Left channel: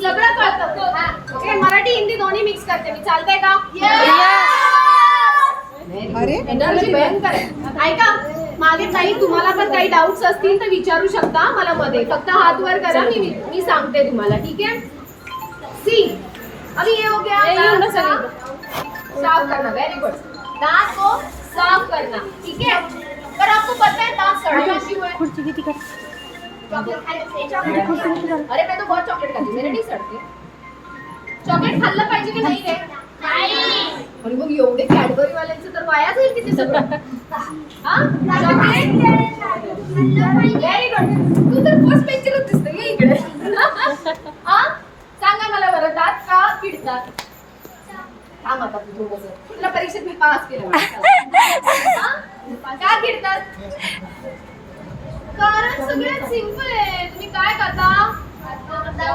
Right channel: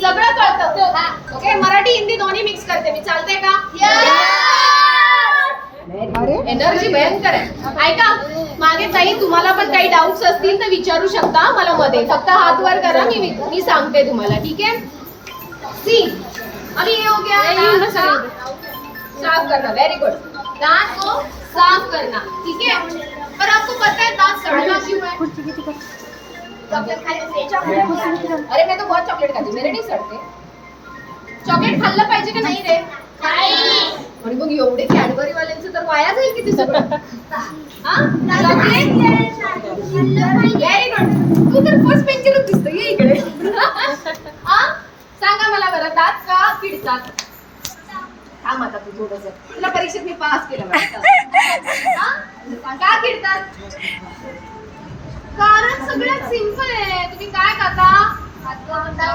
सगळं कळतं. ओके, मराठी हिंदी दोन्ही मिक्स करते मी. चालतंय का? अरे एनर्जी भयंकर आहे. ऐका, मागे ताई तुम्हाला पण काही डाऊट्स असतील तर विचारू शकता मला मध्ये. फक्त हात वर करा, मी सांगते तुम्हाला. ठीक है? सी, अभी ये हो गया दांत साफ करना. Very good. दांत को साफ करना. ठीक है? पर आपको पता है दांत सड़ना क्यों है? चॉकलेट खाने. अरे मैं तो बहुत चॉकलेट खाती हूँ, मेरे नहीं सड़ते. चॉकलेट खाल्लं पाहिजे की नाही रे? आणि मग एवढे कॅडबरी वाल्यांचं तर वाया जाईल किती सगळं. हा, चॉकलेट व्हेरी गुड. तू तर फर्स्ट बेंचरच दिसते. ये इकडे. हा, सांगा मला बरं, दात का किडतात? थांब आता तू थोडंसं. तुला परीक्षेत मी पास केलं वाटतं. का किडतात? कारण सगळ्यात सिंपल आहे. तुम्ही काय खाता?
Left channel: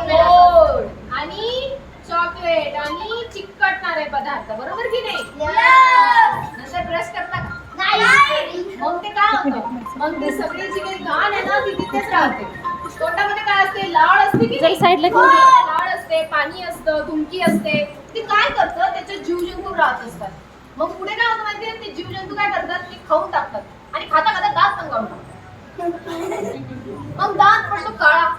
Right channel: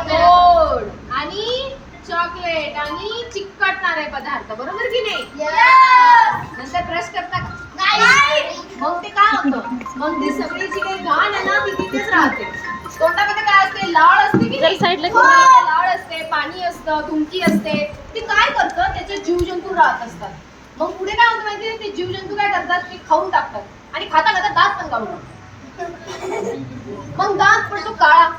गोड आणि चॉकलेट आणि चिकटणारे पदार्थ, बरोबर की नाही? नंतर ब्रश करता का? नाही. मग ते काय होतं? मग ती सगळी जी काही घाण आहे ना ती तिथेच राहते. तोंडामध्ये काय असते? लाळ असते की नाही? लाळ असते, पाणी असतं, तुमकी असते. ते काय करतं? त्याचे जीवजंतू राहत असतात. मग पुढे काय होतं माहितीये? ते जीवजंतू काय करतात? ते खाऊन टाकतात आणि खाता खाता दात पण काढून टाकतात. मग दात पडतो काळा.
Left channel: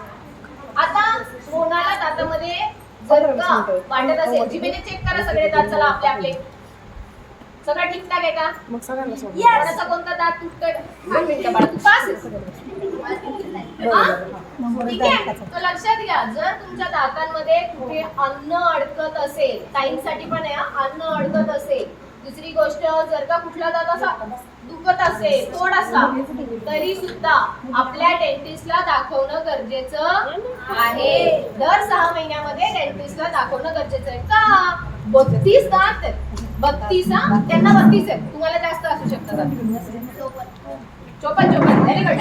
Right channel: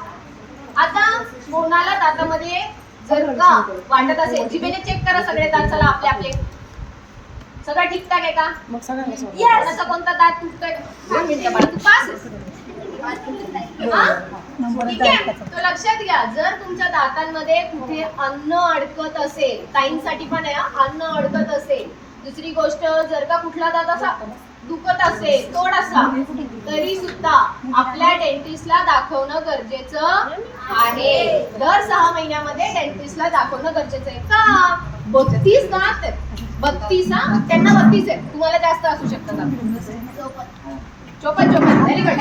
आता कोणाला दातामध्ये जर का वाटत असेल, जिभेने चेक करा सगळे दात. चला आपले आपले. सगळं ठीकठाक आहे का? मग सगळ्यांना सोड. कोणाचा कोणता दात तुटतोय? 2 मिनिटं बाळा, तू पास आहेस. ठीक आहे, तो लक्षात घ्या. जर तुमच्या दातांमध्ये कुठे अन्न अडकत असेल, ताईंसाठी पण आहे, अन्न अडकत असेल. दुसरी गोष्ट, जर का कुठला दात असा दुखत असेल थोडासा, तरी सुद्धा आपल्या डेंटिस्टला दाखवणं गरजेचं आहे. दर 6 महिन्यामध्ये डेंटिस्टला दाखवणं गरजेचं आहे. का? 32 दात आहेत. 32. हा, त्यांना 32 आहेत, तुम्हाला जास्त असू शकतात. 54. Very good.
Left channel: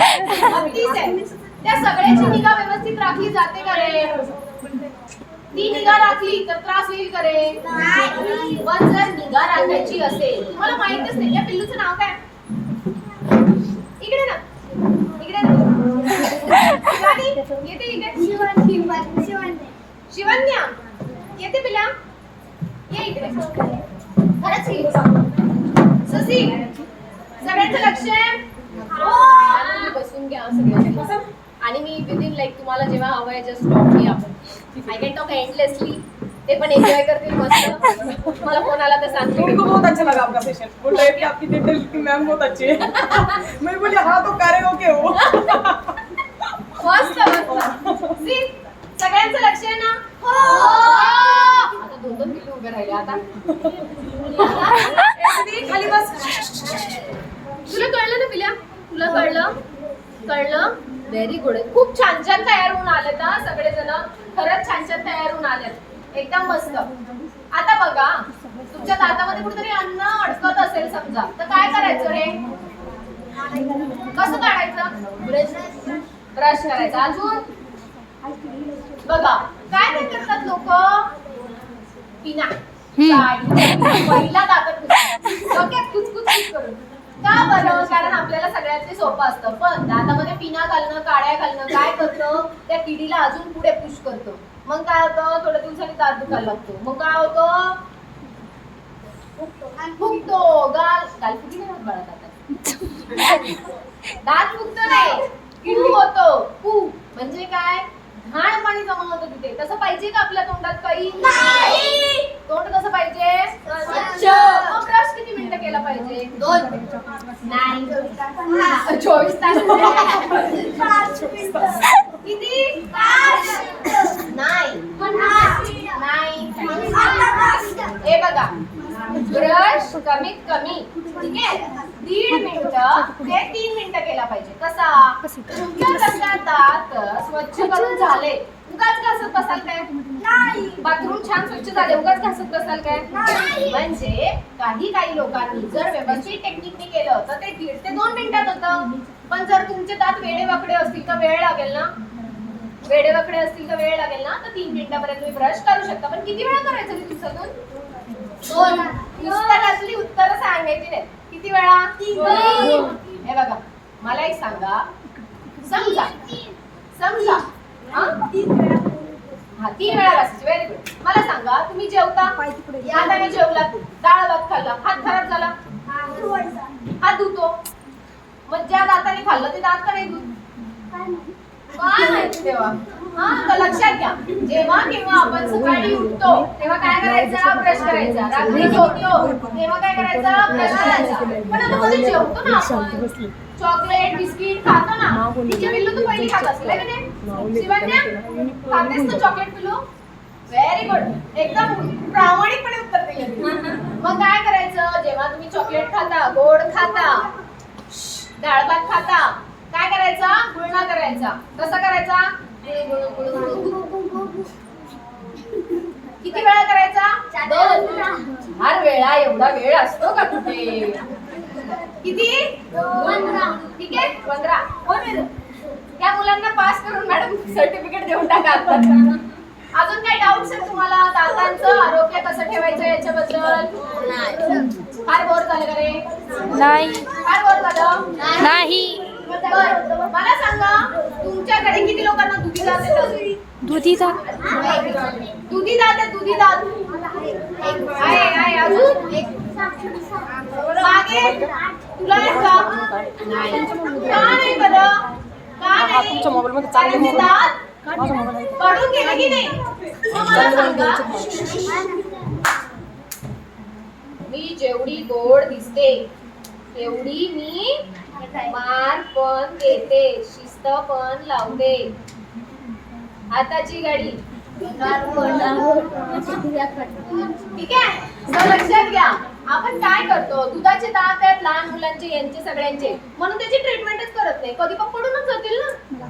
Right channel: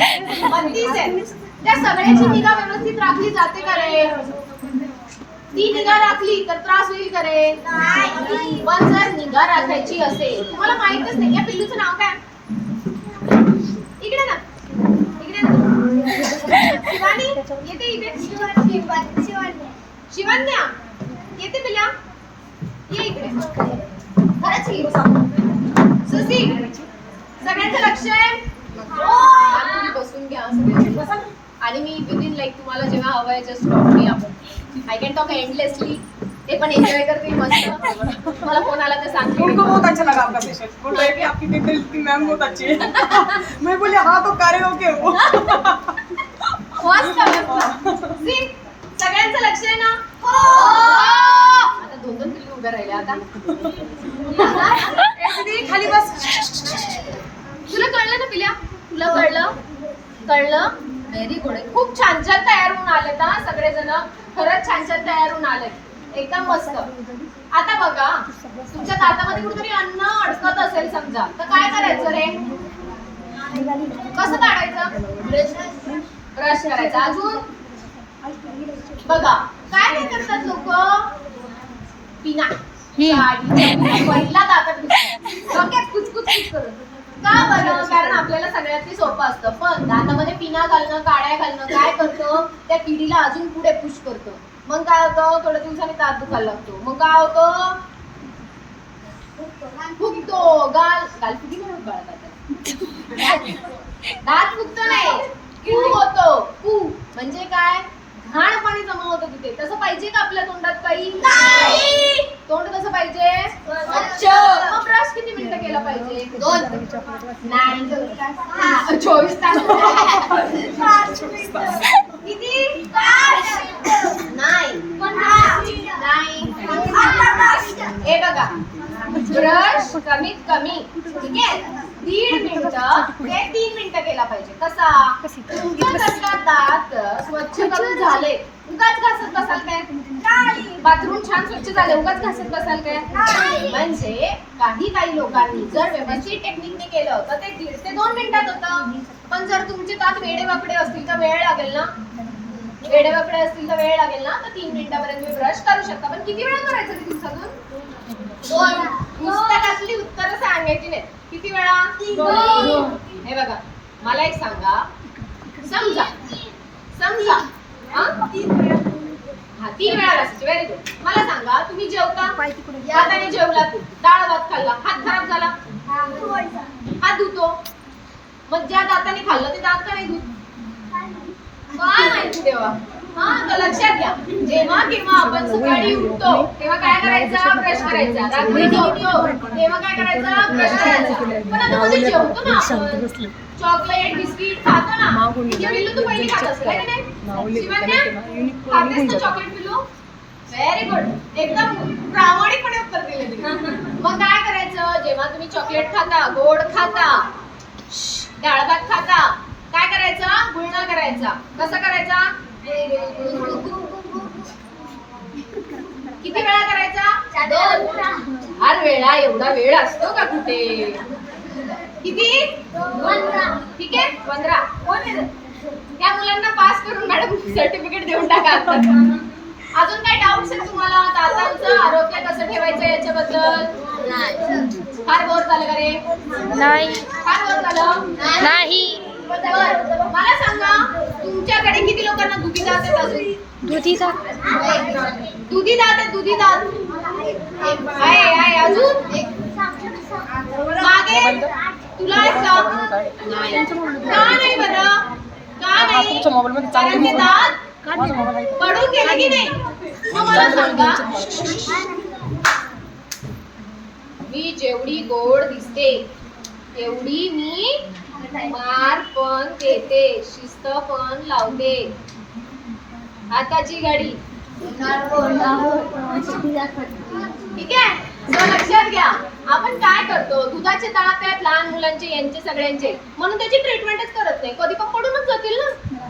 32 आहेत. त्या सगळ्याची निगा व्यवस्थित राखली जाते का रे? ती निगा राखली तर त्रास होईल का रे? नाही. पण जर निगा राखायची असेल, तुम्हाला माहितच नाही या पिल्लूचं नाव काय? इकडे ना, इकडे ना. शिवानी येते इकडे. शिवन्या येते पिल्या. ये इकडे. खरंच ही सुसी, सगळ्यांचं लक्ष आहे. तुम्ही बसून घ्या सगळे. आणि मी विदिन लाईक तुम्हाला जेव्हा हवंय जस्ट टॉक मी आपण. I can talk endlessly. ते पण एन्जॉय करतील मस्त. मला फोन आला तर सांगते. उनको बहुत अच्छा लगा आपका पेशेंट. बोल रहे कि आपकी डेंटल की मैम बहुत अच्छी है. मैं बोली हाँ तो करे हो के वो. मस्त मस्त. सी, सगळ्यांचं लक्ष आहे ना? हो. आता 2-2 पिल्लू उभे राहिले. आता खाली बस. तुला कळलं ना पिल्या? तुला कळलं? Very good. खूप छान छान तयार होऊन आलेत ना सगळेजण. खरंच छान छान तयार होऊन आलेत. एकदम मस्त. आता बघा, तुमच्या दातामध्ये कुठेतरी अन्न अडकत असेल समजा, तर काय करायचं रे? कसं काढायचं? ब्रश करायचा. अजून बघा काय काय करतात लोक? पिना पहिला दातात डोक्यात कुचकुच करून. का बरं? कारण आपल्याला सगळ्यात ते सोपं असतं. पण दातामध्ये पिना घालणं, काड्या घालणं काय करतं? त्या किडीला अजून पुढे पुश करतं. मग काय होतं? थोड्या दिवसांनी दात दुखायला लागतो. मग काय होतं? फुगतो. गाल फुगी नाही होत बाळा दातात. दात फुगतो नाही, किडू होतो. पू म्हणजे काय? घाण पाणी जमा होतं तिथे. तसं पाहिजे का आपल्या तोंडात काही? नाही. तोंड कसं पाहिजे? स्वच्छ. मग ब्रश किती मिनिटं केला पाहिजे? 2. नाही, 24 तास. किती? 5. नाही. हे बघा, ब्रश कमीत कमी ठीक आहे 1.5 मिनिटं ते 3 मिनिटं केला पाहिजे. कसा? तुमच्या दात स्वच्छ करून झाले, उगाच घासत बसाल काय? नाही. बाथरूम छान स्वच्छ झाले, उगाच घासत बसाल काय? नाही. म्हणजे काही लोकांनी जर व्यवस्थित टेक्निकने केलं तर ते 1.5 ते 2 मिनिटात होतं. पण जर तुमचे दात वेडेवाकडे असतील तर वेळ लागेल ना? तर 3 मिनिटापर्यंत तुम्ही ब्रश करू शकता. पण किती वेळा करायचं ते दिवसातून? 2. पुस्तकातली उत्तरं सांगायची नाही. किती वेळा? 2. हे बघा, मला एक सांगा, समजा हा 3 वेळा घासायचे. Very good. मला सांगा तुम्ही जेवता हाताने जेवलात, डाळ भात खाल्ला, हात खराब झाला, हात धुतो. मग ज्या दाताने खाल्लं ते दात का नाही धुत? काय माहिती तेव्हा. हा तर लक्षात घ्या, जेव्हा केव्हा आपण सकाळी उठतो तेव्हा काय करायचं? ब्रश करायचा. रात्री झोपतो तेव्हा काय करायचं? ब्रश करायचा. पण आता मध्ये जेवतो ना आपण, चॉकलेट बिस्किट खातो ना, तिची पिल्लू तू पहिली खात असेल है का नाही? शिवण्या खातेस ना चॉकलेट पिल्लू? Very good. एकदम प्रामाणिकपणे उत्तर दिलं तुम्ही. मग काय करायचं? जेव्हा तुम्ही चॉकलेट खाता, गोड खाता, डाळ भात खाता, काय करायचं? गुळणा करायचा. कसा करायचा? किती वेळा करायचा? 2. हर वेळा एवढा वेळ असतो का कुठे? किती? 15. ठीक आहे 15. कोण आहे? त्या मुलांना पास करून मॅडम सर्टिफिकेट देऊन टाका. अजून काय डाऊट्स आहे तुम्हाला? दातांचं आरोग्य कसं ठेवायचं याच्याबद्दल? फार बोर झालं का रे? नाही फार बोर झालं? नाही. बरं, मला सांगा तुमच्याकडे किती लोकांना दुधी दात आहेत अजून? दुधीचा दुधी दात आहे, दुधी दात आहे अजून मागे तुला आहेत का? का नाही बरं? का नाही? तुमच्या मोबाईल मध्ये चांगले कारण ते मोबाईल दात माझा मोबाईल आहे. पडून गेले की नाही? मग मला सांगा मी जेवढी गोड दिसते तेवढी मी मार पण देते, शिस्त पण लावते. हाताची गाडी ठीक आहे. तर लक्षात घ्या, आपण काय करतो? दुधाचे दात आहेत लहान मुलांचे, यांचे सगळ्यांचे, म्हणून त्याची ट्रीटमेंटच करत नाही. कधी पण पडूनच जातील ना.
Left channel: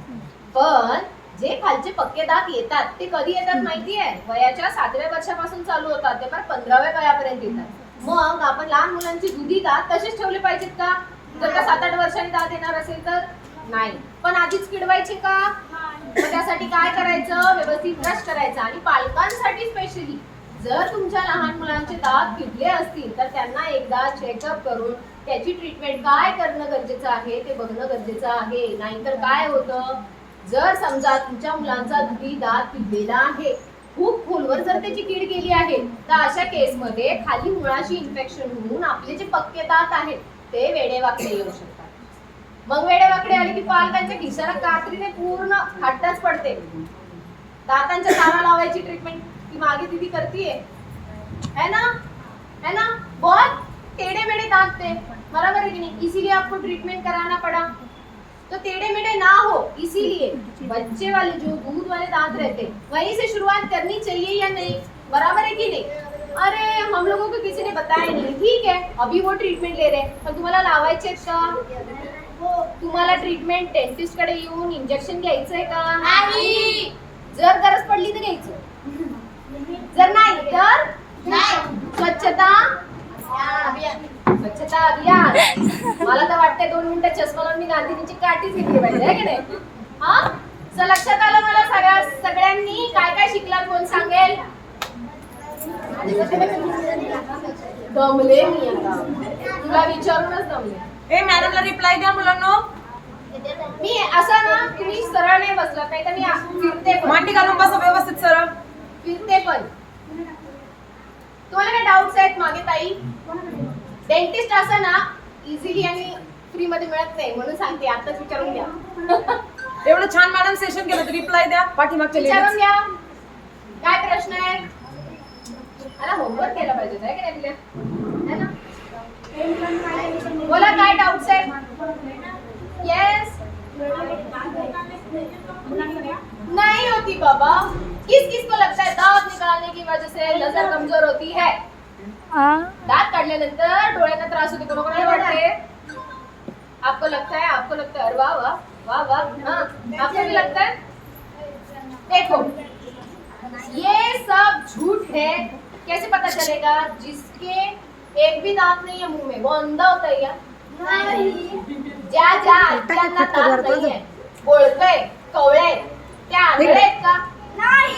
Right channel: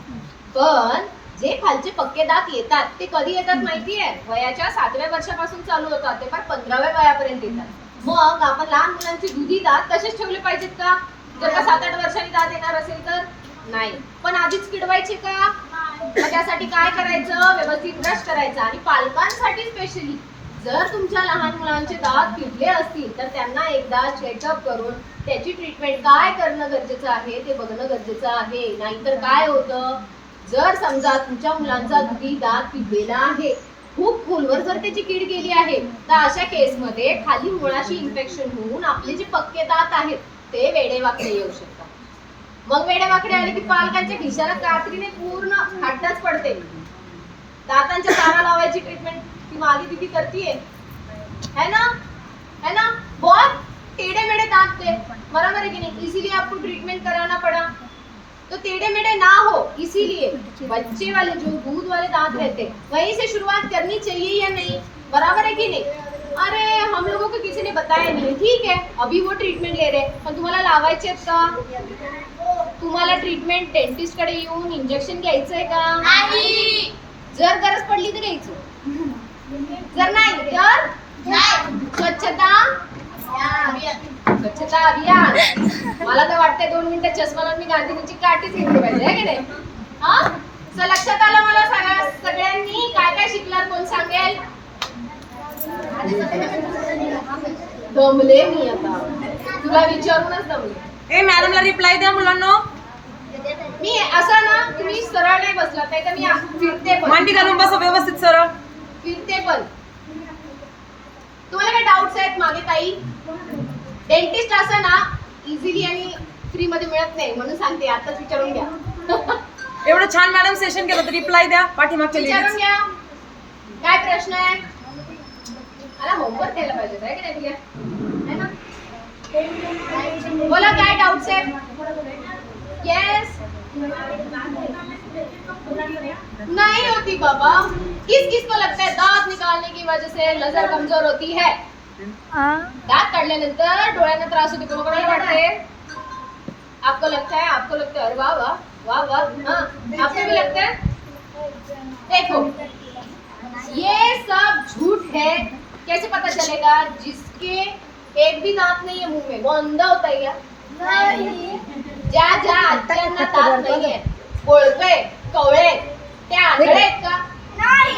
पण जे खालचे पक्के दात येतात ते कधी येतात माहितीये? वयाच्या 7व्या वर्षापासून चालू होतात, ते पण 15व्या वयापर्यंत येतात. मग आपण लहान मुलांची दुधी दात तसेच ठेवले पाहिजेत का? जर का 7-8 वर्षांनी दात येणार असेल तर नाही. पण आधीच किडवायचे का? मग त्यासाठी काय करायचं? व्यवस्थित ब्रश करायचा. आणि पालकांसाठी स्पेशली जर तुमच्या लहान मुलांचे दात किडले असतील तर त्यांना एकदा चेकअप करून त्याची ट्रीटमेंट काय करणं गरजेचं आहे ते बघणं गरजेचं आहे. नाहीतर काय होतं, जर समजा तुमच्या मुलांचा दुधी दात किडलेला आहे, खूप खोलवर जर त्याची कीड गेली आहे, तर अशा केसमध्ये खाली मुळाशी इन्फेक्शन होऊन आपले जे पक्के दात आहेत ते वेडेवाकडे येऊ शकतात. मग वेडेवाकडे आले की पालकांच्या खिशाला कात्रीने पूर्ण खड्डाच पडते. दातांच्या तारा लावायची ट्रीटमेंट ती मागे दिदी करतीये है ना? बहुत टेढ़े मेढ़े दांत थे, बराबर है कि नहीं? इसीलिए आपको ट्रीटमेंट कराना पड़ा. तो टेढ़े मेढ़े ना हो इसीलिए बच्चे वाले जो दूध वाले दांत रहते वहीं से शुरुआत करनी चाहिए या नहीं? बराबर है कि नहीं? अरे हम लोगों को किसी ने बताया नहीं. ठीक है, अभी वो ट्रीटमेंट ले रहे, पण तुम्हाला लावायचे का? तुम्हाला ट्रीटमेंट डेंटिस्ट कडे येऊन इंजेक्शन घ्यायचंय का? नाही. जर गरज पडली तर घ्यायचं, जर नाही तर स्वच्छता अभियान. मला तर वाटतंय 2 मिनिटं चष्मा लावून मी गांधीजींची काठीच घेतली पाहिजे आहे की नाही? हा तर लक्षात आलं मला सगळ्यांनी काय काय शिकलात कोण सांगेल? दमले मी आता, तुला विचारूनच दमले. ए मॅडमला रिप्लाय द्या मुलांना. मी असं ना, तुम्ही सरळ नाही बसलात नाही तर मी फिरते पण, मांडी घालून बसा व्यवस्थित सरळ. फिरते पण. तुम्हाला काय डाऊट्स आहेत मागे काही? डेंटिस्ट असं ना इझिली आणि फ्री मध्ये मिळत नाही, म्हणून सांगते आताच विचारून घ्या. एवढं छान मॅडम सेशन केलं तर रिप्लाय द्या. पाठीमागच्या विचारून लेडीज घ्या काय प्रश्न आहे. मला होमवर्क केला पाहिजे काय की नाही तुला? है ना? बोला काय डाऊट्स आहेत? यस नहीं होती बाबा. किसको लगता है दांत निकालने की वजह से नजर कमजोर होती है? दांत काढल्यानंतर डोळ्यांना त्रास होते, कोणाकोणाला वाटते? आपको लगता है? अरे वाह वाह वाह वाह. हाँ आपको भी लगता है? देखो ये सब झूठ है. कैसे पता चलेगा? जिसके एक भी दांत नहीं है मुंह में वो अंधा होता है क्या? नहीं. ज्या आज्यांना दात नाहीये, बोळके कवळे, त्या आंधळे आहेत का? नाही.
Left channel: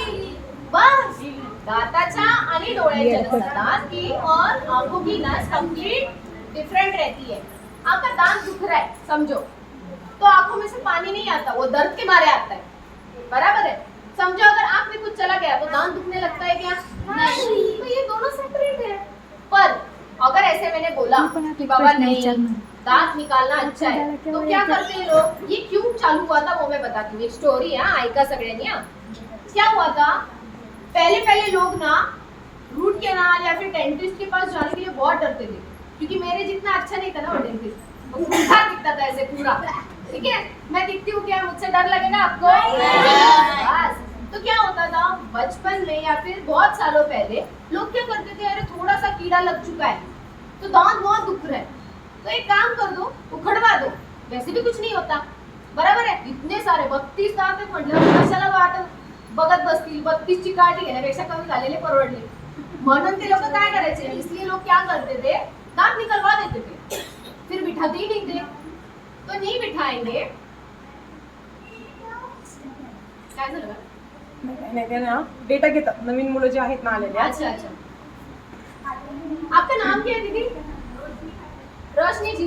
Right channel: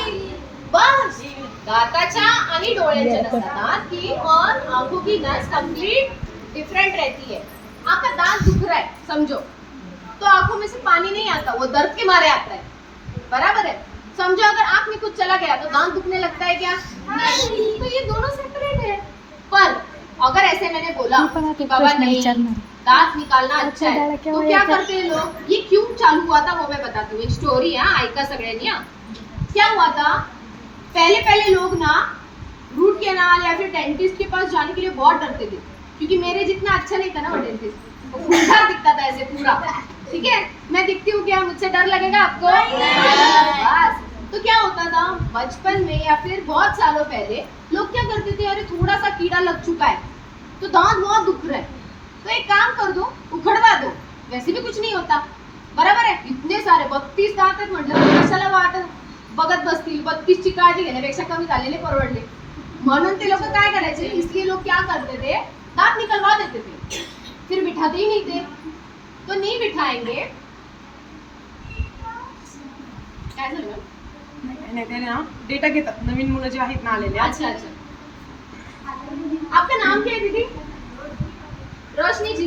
बस दाताच्या आणि डोळ्याच्या नसतात की और आंखों की नस कंप्लीट डिफरेंट रहती है. आपका दांत दुख रहा है समझो, तो आंखों में से पानी नहीं आता, वो दर्द के मारे आता है. बराबर है? समझो अगर आंख में कुछ चला गया तो दांत दुखने लगता है क्या? नहीं, तो ये दोनों सेपरेट है। पर अगर ऐसे मैंने बोला मी पण आता कि एक बाबा प्रश्न नहीं, विचारणार. दांत निकालना अच्छा है, क्या तो हुआ क्या क्या? करते हैं लोग? ये क्यों चालू हुआ था वो मैं बताती हूँ, एक स्टोरी है, ऐका सगळ्यांनी हा. क्या हुआ था, पहले पहले लोग ना रूट कैनाल या फिर डेंटिस्ट के पास जाने के लिए बहुत डरते थे, क्योंकि मेरे जितना अच्छा नहीं था ना वो डेंटिस्ट, पूरा दिखता था ऐसे पूरा, ठीक है? मैं दिखती हूँ क्या, मुझसे डर लगेगा आपको? बस. तो क्या होता था बचपन में या फिर बहुत सालों पहले लोग क्या करते थे, अरे थोड़ा सा कीड़ा लग चुका है तो दांत बहुत दुख रहा है, तो एक काम कर दो, उखड़वा दो, वैसे भी कुछ नहीं होता, बरोबर आहे. इतने सारे 32 दात आहेत म्हटलं, कशाला वाटत बघत बसतील, 32 ची काळजी घेण्यापेक्षा कमी झालेले परवडले. म्हणून ते लोक काय करायचे, इसलिए लोग क्या करते थे, दांत निकलवा देते थे, फिर बिठाते ही नहीं थे. तो नहीं बिठाएंगे, काय झालं? नाही ते ना डेटा घेतात नवीन मुलं जे आहेत ना आलेले. अच्छा अच्छा. आपका नाम क्या है दीदी? रोशनी जी.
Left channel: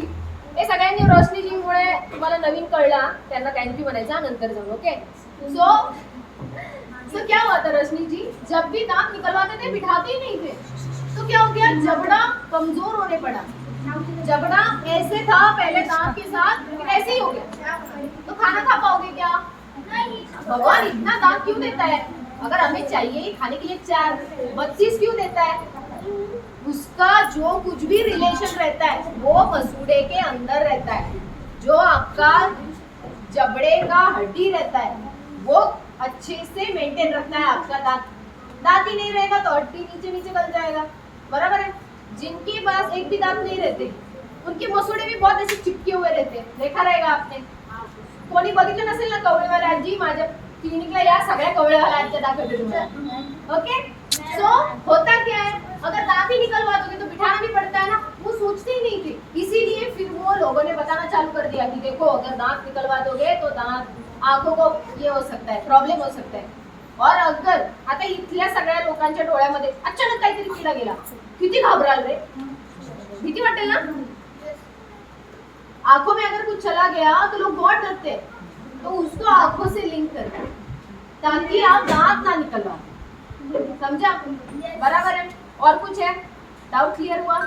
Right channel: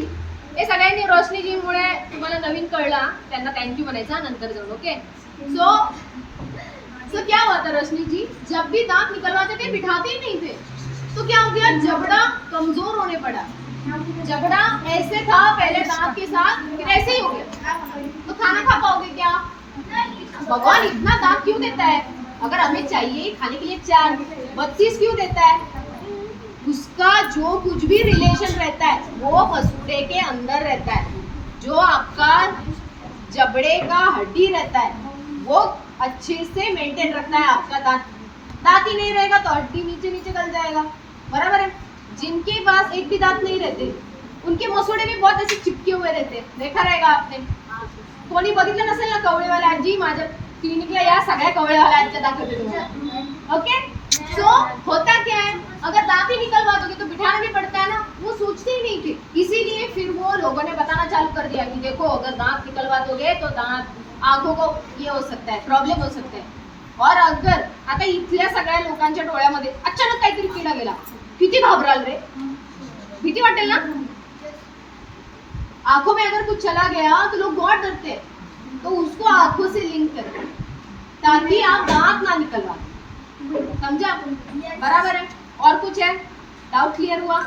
हे सगळ्यांनी रोशनी जी मुळे तुम्हाला नवीन कळला, त्यांना थँक्यू म्हणायचा नंतर जाऊन. ओके. सो क्या हुआ था रोशनी जी, जब भी दांत निकलवाते थे बिठाते ही नहीं थे, तो क्या हो गया, जबड़ा कमजोर होने पड़ा. जबड़ा ऐसे था पहले दांत के साथ, फिर ऐसे ही हो गया. तो खाना खा पाओगे क्या? भगवान इतना दांत क्यों देता है? अगर हमें चाहिए खाने के लिए 4, 32 क्यों देता है? उसका जो कुछ भी रिलेशन रहता है वो मसूड़े के अंदर रहता है. जो आपका जबड़े का हड्डी रहता है वो अच्छे से मेंटेन रखना है आपका दांत. दांत ही नहीं रहेगा तो हड्डी नीचे नीचे गल जाएगा, बराबर है. जिनके पास एक भी दांत नहीं रहते उनके मसूड़े भी बहुत ऐसे चिपके हुए रहते, देखा रहेगा आपने. कोणी बघितलं नसेल ना कवळेवाल्या आजी, माझ्या क्लिनिकला या, सगळ्या कवळेवाल्या आज्या दाखवते तुम्हाला. ओके. सो होता क्या है, अगर दांत ही निकलवा दोगे तो बिठाना भी पड़ता है ना, वो सोचते ही नहीं थे. इसीलिए फिर वो लोगों ने बताना चालू कर दिया कि देखो अगर दांत निकलवा दोगे तो दांत आंखों को ये हो सकता है, प्रॉब्लेम हो सकता है. और अगर आता इथल्या सगळ्या लोकांच्या डोळ्यामध्ये अचानक काहीतरी किडा गेला, किती घाबराल रे, भीती वाटेल ना. आंखों में अगर कुछ चला गया तो लोग बहुत डरते हैं, तो उसको आंखों से लिंक करते हैं ताकि आप दांत ना निकलवा. समझा? बराबर है. और कुछ है डाउट क्लियर हुआ?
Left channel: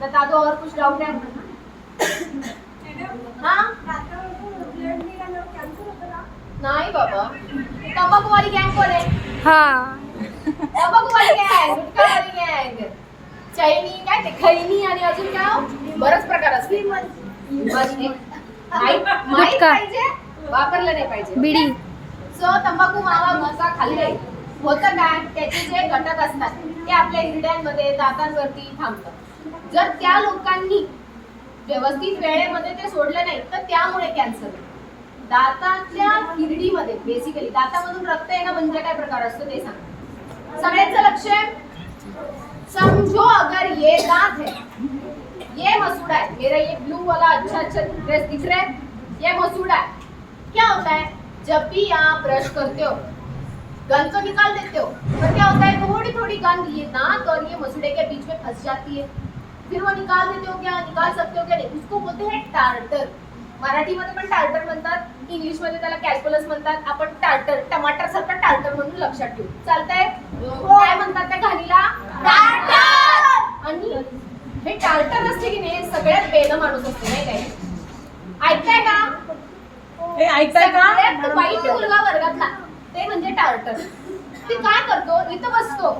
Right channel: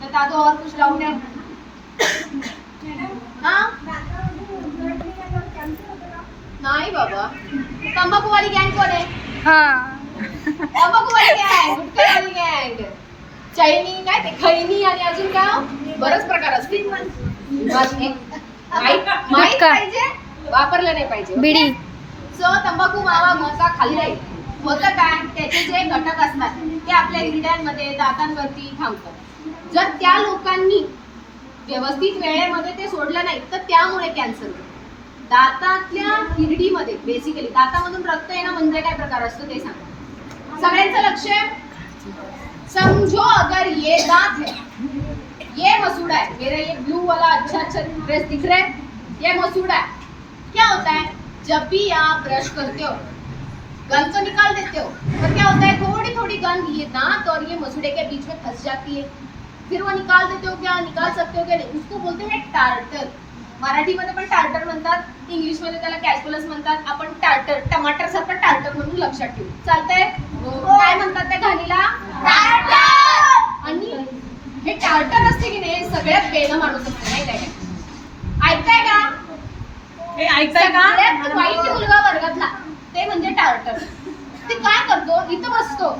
बता दो और कुछ डाउट है? हाँ नाही बाबा, तंबाखू वाली गँग कोण आहे? हा. तंबाखू वाली गँग, गुटखा वाली गँग, चैनी काय ते खैनी आणि अजून काय हो? बरेच प्रकार असतील. माहित गुटखा. पाहिजे, वापरलं नाही पाहिजे. बिडी. सो तंबाखू मावा गुटखा खाल्ले होतं काय, त्याचे जे घटक असतात ते आपल्या हिरड्यांमध्ये दातांवरती थांबतात. जर त्या लोकांनी व्यवस्थित वेळेमध्ये ते सोडलं नाही तर त्यामुळे कॅन्सर होतो. दातातल्या हिरडीमध्ये बेसिकली दातामधून रक्त येणं म्हणजे काय प्रकार असतो ते सांग. सगळ्यांचं लक्ष आहे. समझो अगर ये दांत है, ये मसूड़ा है, मेरा ये ब्लू वाला अच्छा अच्छा ड्रेस दिख रहा है, ये मसूड़ा है. क्या होता है, जब भी आप ब्रश करते हो गंद तो निकाल देते हो, पर क्या होता है थोड़ी थोड़ी गंद ये दांत और ये मसूड़े के बीच में फंस जाती है. फिर वो निकाल देते हो क्या, निकाल सकते हो क्या नहीं, उसको बोलते हैं टार्टर. मराठीमध्ये पण टार्टर म्हणतात, इंग्लिश मध्ये त्याला कॅल्क्युलस म्हणतात. आपण टार्टर, टमाटर सारखं टार्टर म्हणून लक्षात ठेवू. चालतंय? काय म्हणतात त्या घाणीला? टार्टर. आणि हे टार्टर असते की नाही, सगळ्यात बेलं माणूस असते नाही काय? ऐकताय का? हे ऐकताय का? सगळ्यात वाईट मुलगा वर्गातला ते म्हणजे टार्टर. ते काय करतो, इथं बसतो,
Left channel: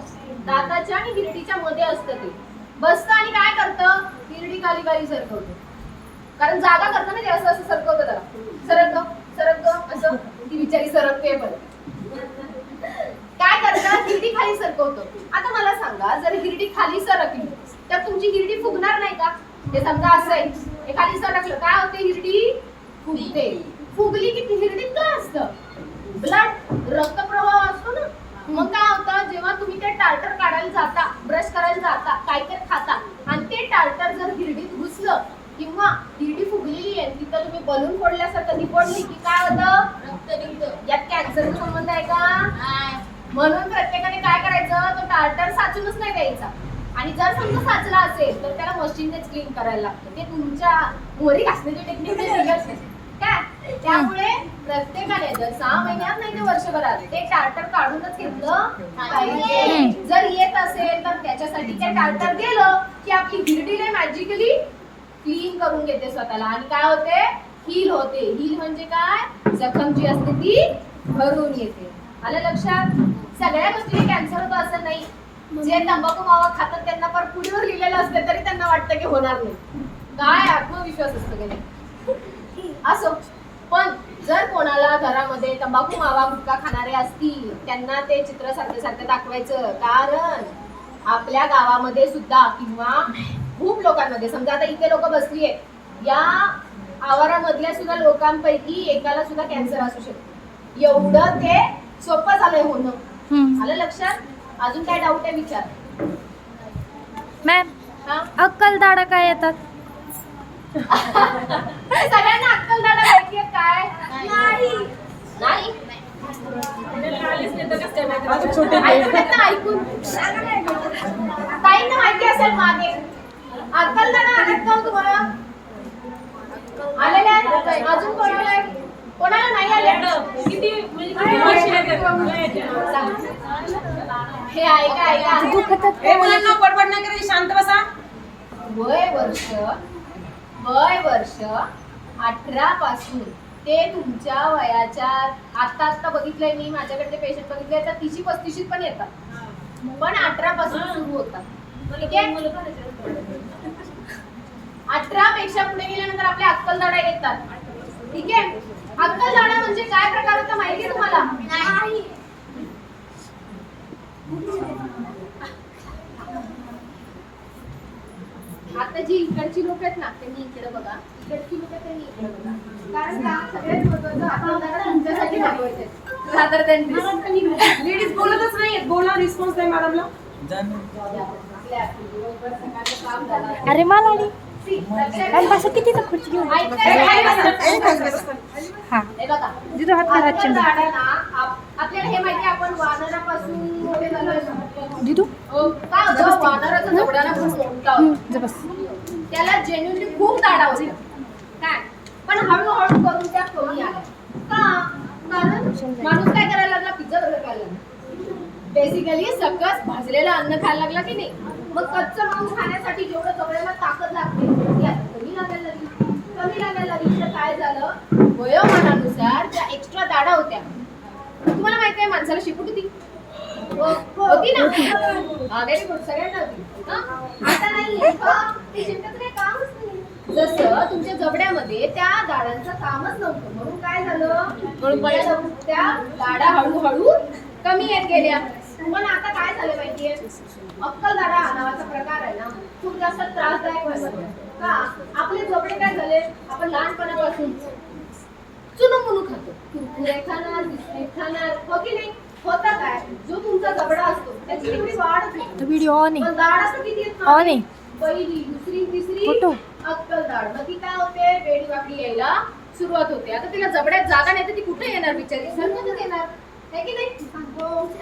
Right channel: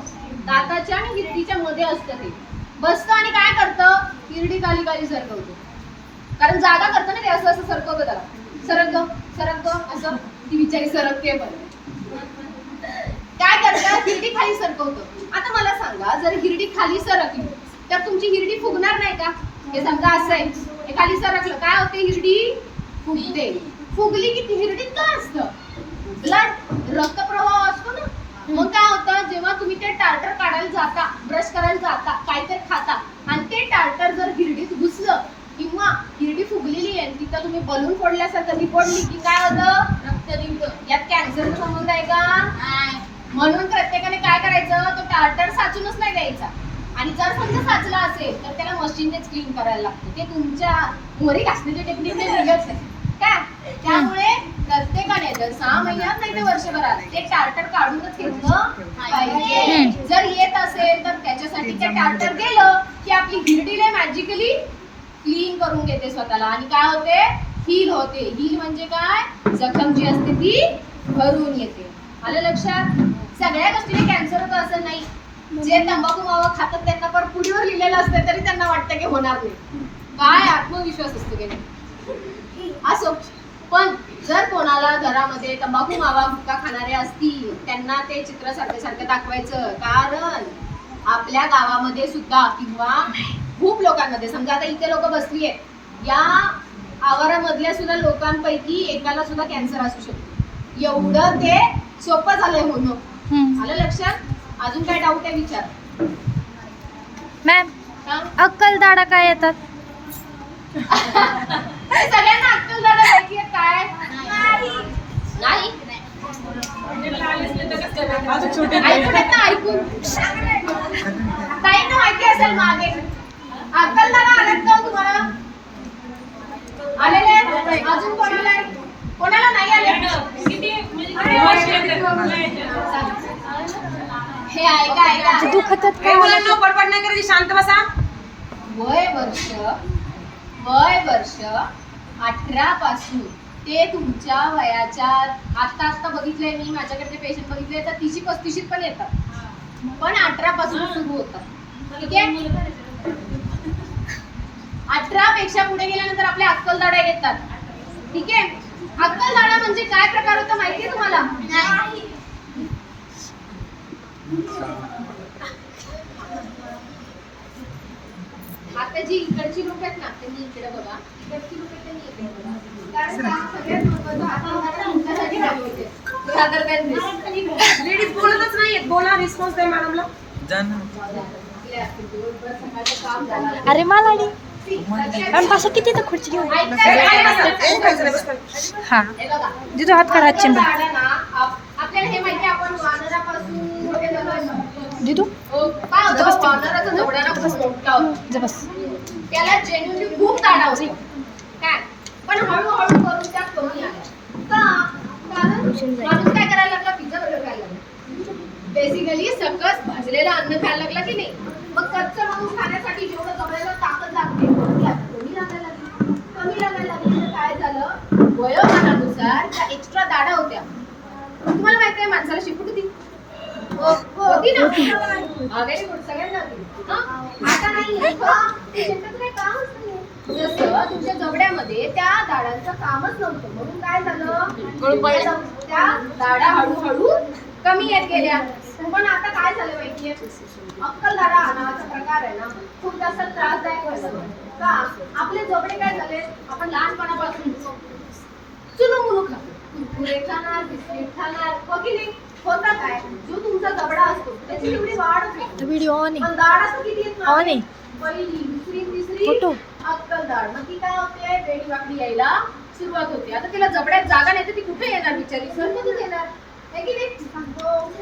दाताच्या आणि हिरडीच्या मध्ये असतं ते, बसतं आणि काय करतं, हिरडी खाली खाली सरकवतो. कारण जागा करतं ना ते, असं असं सरकवतं त्याला, सरकतो असं, ती बिचारी सरकते. बरं काय करतात, हिरडी खाली सरकवतो. आता मला सांगा, जर हिरडी खाली सरकली तर तुमची हिरडी फुगणार नाही का? हे समजा असं आहे, हे खाली सरकलं काय होते, हिरडी फुगते. फुगली की ती हिरडीत काय असतं, ब्लड, रक्तप्रवाह असतो ना. मग काय होतं, जेव्हा तुम्ही ते टार्टर काढायला जाता, ब्रश करायला जाता, काहीतरी खाता आणि ते टार्टर जर हिरडीत घुसलं किंवा हिरडी फुगलेली आहे तिथं तुम्ही बलून फोडल्यासारखं निपडली की काय होतं, रक्त निघतं. यात कॅन्सरचा संबंध आहे का? म्हणून प्रत्येकाने काय करायचं, तो टार्टर साचूनच नाही द्यायचा. आणि जर समजा साचला असेल तर त्याला मशीननेच क्लीन करायला लागतं. ते तुमच्या मोरी घासण्याची टेक्निक नाही काय. त्यामुळे प्रत्येकाने जर 6 महिन्यात नाही तर वर्षभरात ते टार्टर काढूनच घेतलं पाहिजे. जर येत असेल तर त्याच्यासाठी ते टार्टर गेलं की आपली गिरडीले मॅजिकली क्लीन करून घेते स्वतःला आणि काय होते, हील होते. हील म्हणजे काय, जखम जी असते ती भरून येते. आलं लक्षात? सगळ्या गोष्टीने कॅन्सर होतं असं नाही. जे तंबाखू मावा खातात त्यांना पर पुढीवर लिहिलेलं असतं तरी त्यांना वाटतं की होणार नाही. काय आत्मविश्वास असतो की नाही. असो, पण जर कोणाला घरामध्ये तंबाखू मावा गुटखा खाणारे असतील त्यांना ते चित्र सारखं सारखं दाखवायचं. कारण आपल्या गावामध्ये सुद्धा किंवा खूप लोकांमध्ये, समजा आता इथे लोक बसली आहेत, या आवारामधल्या सुद्धा लोकांपैकी एकाला सुद्धा कॅन्सर असू शकतो. एवढं ते सोपं झालंय होणं. आलं लक्षात? अजून काय डाऊट आहे विचार. मॅम हा? अक्कलदाडा काय येतात? सगळ्यांना अक्कलदाडा माहिती आहे काय? नाही. अजून छोटे ऐकून ना, ऐकून ताईंना माहिती असेल मागे. अक्कलदाडा आलेत का हो तुम्हाला? आलेले आहेत? अजून कोणाला आहे? कोणाला नाही आले? हे ऐका ऐका. दुखतात हे का? मुलांना बडबड नाही करायची, शांत बसा. वय वर्ष 18 पासून ते तुमच्या वयाच्या, आता बघितलंय मी, माझ्याकडे जे पेशंट बघितले तर 30-35 पण येतात, पण 18 पासून सुरू होतात. ठीक आहे? 18 पेक्षा पुढे गेल्यानंतर आपले अक्कलदाडा येतात. ठीक आहे? अक्कलदाडा म्हणजे काय प्रकार होता माहितीये तुम्हाला? आता जी इकडची लोक आहेत ना त्यांनी इकडे बघा, इकडची लोक त्यांनी इकडे बघा. कारण का सगळ्यात महत्त्वाचं अक्कलदाडा तुमच्यासाठी महत्त्वाचे आहे. रादर दॅन दिस. लेडीज बोलतच नाहीयेत, बोला, रिस्पॉन्स द्या मॅडमला. आपल्या दिवसभर सकाळचं काम झालं. अरे मालाडी लक्षात पण पाशा किती तर खुर्ची घेऊन ऐका. हा हे बघा, जिथं हात करा चिंता अक्कलदाडा ना, आपल्याला हे माहिती आहे आपण वानरापासून मोठे झालोय. दिदू काय होतं, वानराचा जबडा खूप मोठा होता. जबस त्याला जेन्युइनली खूप दाढा होत्या. काय? पण हळूहळू करून त्या कमी आल्या. का? कारण माणूस काय करायला लागला, पिझ्झा बर्गर खायला लागला. बेसिकली सकस भाजलेलं अन्न खायला लागला की नाही. मग कच्चं मांस खाण्यासाठी जेवढं जबड्याला ताकद लागते ती आता कमी लागायला लागली. तर काय झालं, वयोमानानुसार त्या एक्स्ट्रा दाढा होत्या. तुम्हाला माहिती आहे माणसाला शिपूट होती होती ना. व्हेरी गुड, सगळ्यांना होती. आता नाही, ते शिंपीचं काही कामच नाही. जसं तुमच्या जबड्यामध्ये त्या दाढांचं कामच नव्हतं, म्हणून काय झालं, त्या दाढा हळूहळू कमी येत गेल्या. पण आता काय झालं माहितीये, अक्कलदाडा नावाचा प्रकार आहे ना, खूप जास्त त्रासदायक होतो. का? आपले जबडे काय झाले, आपण लहानपणापासून चुनमुनू खातो, कुरकुरे खाणार, बिस्किट खाणार, हो की नाही. होता काय, जो तुमचा जबडा असतो त्याची तेवढी वाढ होते. व्हिडिओ ऑन आहे पण दाढ असं किती येत ऑन आहे पहिली, दुसरी, तिसरी फोटो अक्कलदाढ. मग ती काय होते, वेडी वाकडी यायला सुरुवात होते. आता तिला जबड्यात जागा नाही तर ती कुठे येणार बिचारी, सरमधून येणार आहे की नाही.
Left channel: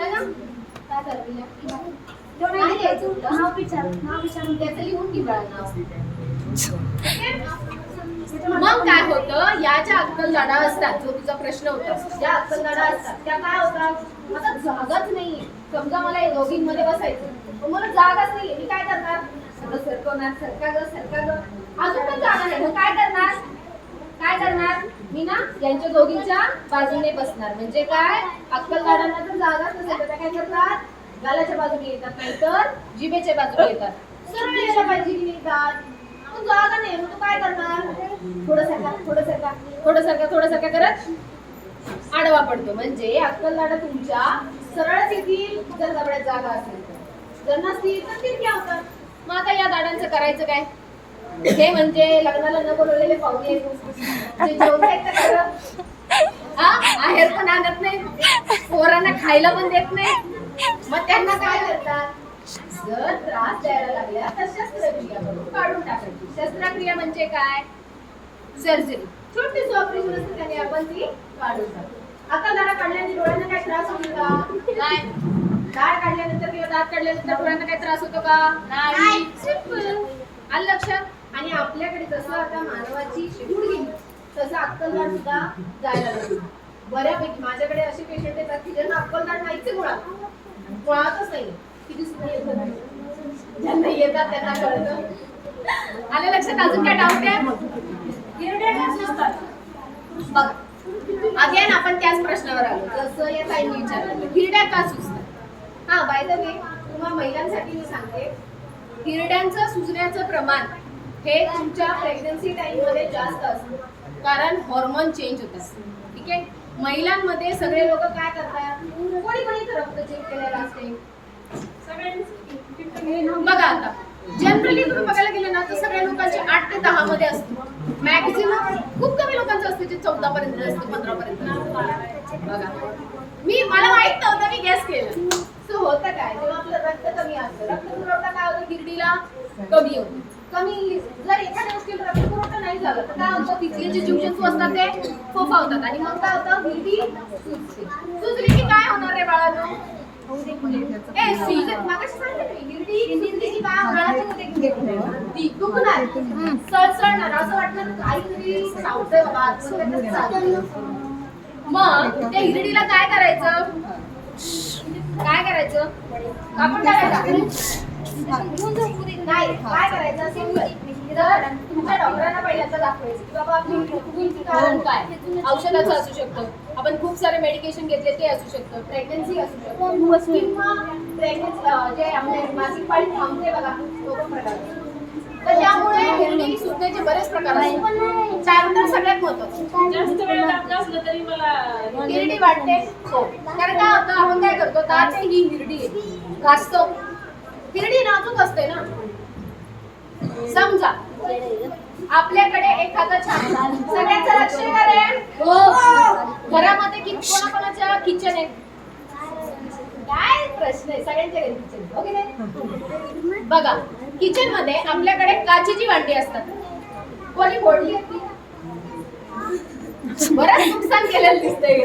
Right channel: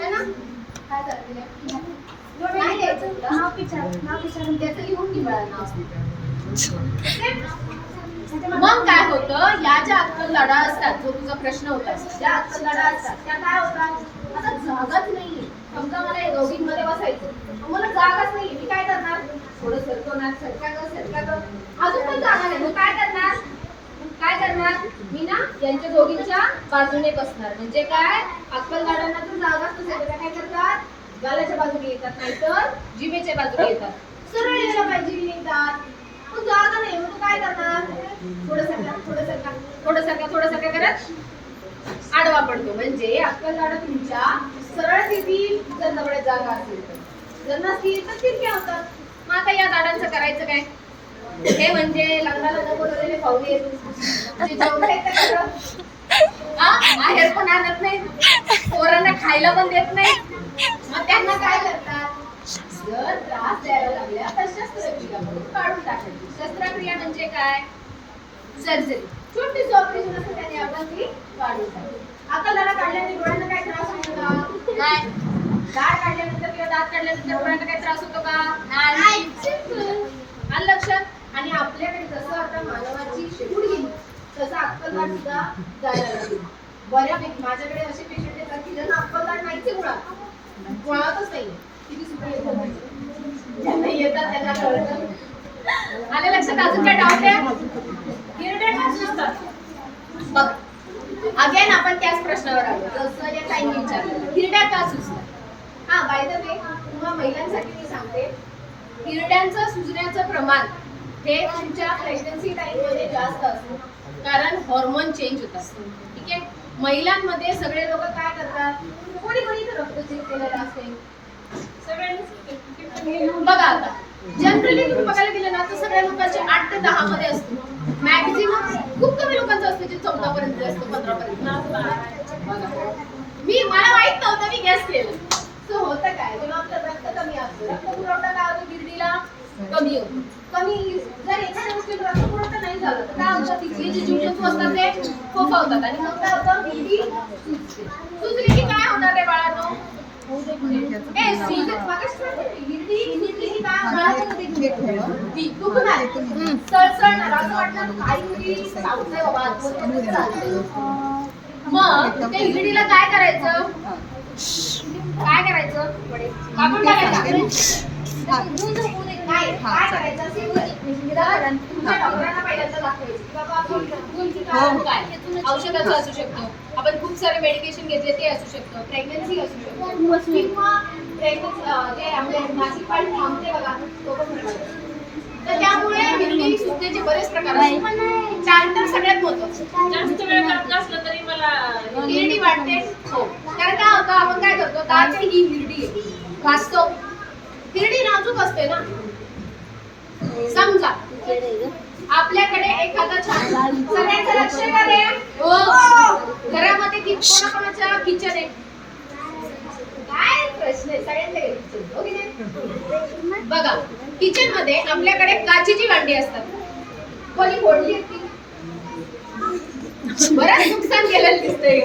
है ना? काय झालं नाही द्यायचं होतं. त्याचं लिहून ठेवा नाव. मग काय होतं, या ज्या अक्कलदाढा असतात, जो तुझा प्रश्न होता, ज्या अक्कलदाढा असतात त्या काय होतात, आता जागाच नाहीये. समजा मला रोगींमध्ये बसायचं, पण मला जागाच नाहीये, मी काय करणार, थोडं सरकवणार, सरका ग, अजून पण जागा नाही, मग काय करणार, मी ना यांच्या दोघींच्या बाजूने बसणार. म्हणजे काय, अक्कलदाढांना तर जागाच नसेल तर काय करतात, गालाच्या बाजूने येतात, नाहीतर जिभेच्या बाजूने येतात. सरळ यायला पाहिजे की निघतात, पण जागा नाही, मग तू काय करणार, थोडं सरका करत आडवा पडतो. म्हणजे अक्कलदाढा तुमच्या सरळ येतील जर जबड्यात जागा असेल तर, जर नसतील तर तिरक्या होतात. मग आता या दाढांचं करायचं काय, हे म्हणजे लग्नाला न बोलवलेले पाहुणे आहेर पण आणत नाही, पोरांना खायला पण देत नाही. मग त्यांना काय करतात, जर त्रास द्यायला लागल्या तर शस्त्रक्रिया करून काढून टाकायची. शस्त्रक्रिया म्हणजे काय, सर्जरी, छोटीशी ऑपरेशन असते, त्याने आपण ती काढून टाकतो. अक्कलदाढा काढल्याने डोळ्यांना काय त्रास होतो का, नाही. दाढ काढल्यानंतर किंवा दात काढल्यानंतर डोळ्यांना काय त्रास होतो का, नाही. सिंपल. आलं लक्षात. आणि आपल्याकडे जसं आता मानवाची शिकूड गेली, तसं अक्कलदाढ सुद्धा जायला लागली. बऱ्यापैकी माझ्याकडे असे पेशंट येतात की ज्यांना अक्कलदाढ नाहीच आहे मुळातच नाही. किती सुद्धा येतात, ज्यांना येतात त्यांना कळतं. आलं लक्षात? अजून काय डाऊट आहे? हिरड्या का सुचतात? बघ, अगेन आपण त्याच प्रश्नावर आलो जसं या ताईंनी विचारलं, हिरड्या का सुचतात? हा, बाय द वे तुम्हा महिलांसाठी मी सांगते, हिरड्यांचं सुजण्याचं प्रमाण हे तुमच्या प्रेग्नन्सी टाइम मध्ये जास्त असतं, कारण हॉर्मोन चेंज होतात. ठीक आहे. महिलांमध्ये सगळे लोक काय करतात, कोणी इथं रक्त चेक केलेलं असते बघा. आता जनरली तुम्ही बघायला गेलं ना तर सगळ्या लोकांचे 8 ते 10 मध्ये असतो. मॅक्झिमम खूप कमी लोकांचं असतं जे 14 पर्यंत असतं, 15 पर्यंत. बघा, मला माहित नव्हतं, मी गेस केलं. सो होतं काय, जेव्हा आपलं रक्त कमी असतं, रक्त पुरवठा काय होतो, हिरडीला कमी होतो. कमी जर एखाद्या गोष्टीला रक्त पुरवठा नाही झालं तर काय होतं, तिथले जे जीवजंतू असतात ते फोफावतात आणि मग काय होतं, हिरडी सुजते. सुजली की काय होणार रे बाळांनो? सळसळणार, असं वाटणार काहीतरी सावतंय बाबा. मग ते हिरडीला काय करायचं, काय करायचं, आपण टाकायचं नाही, काय करायचं, तुमच्या डॉक्टरांना पहिल्यांदा दाखवायचं की बाबा कारण काय, औषधाचं असू शकतं, आपण खूप सारे मेडिकेशन घेतले ते असू शकतं, प्रेग्नन्सी असू शकतं, किंवा प्रेग्नन्सी जे आपले मासिक पाळी थांबते बघा, तो पण प्रकार असतो. तर त्यामुळे हिरडी सुजण्याचे बरेच प्रकार असतात. त्यानंतर सगळ्यात महत्त्वाचं, जास्त वेळ काम नसलं तरी मला हिरडी वाटते. हो, कारण काय होतं, आपण काय करतो, दात ही हिरडी आहे, घासतो. हिरडी नाजूक असते ना. समजा आपल्याकडे एखादा छान, सगळ्यांचं लक्ष करे, घरामध्ये कोणाकोणाच्या किचन आहे, काय प्रश्न आहे, सगळ्यांच्या घरी किचन. ओके नाही? बघा, किचन मध्ये आपल्याकडे काचेची भांडी असतात. कोणी फोडली आहेत ती? बरंच नुकसान केलेलं दिसतंय.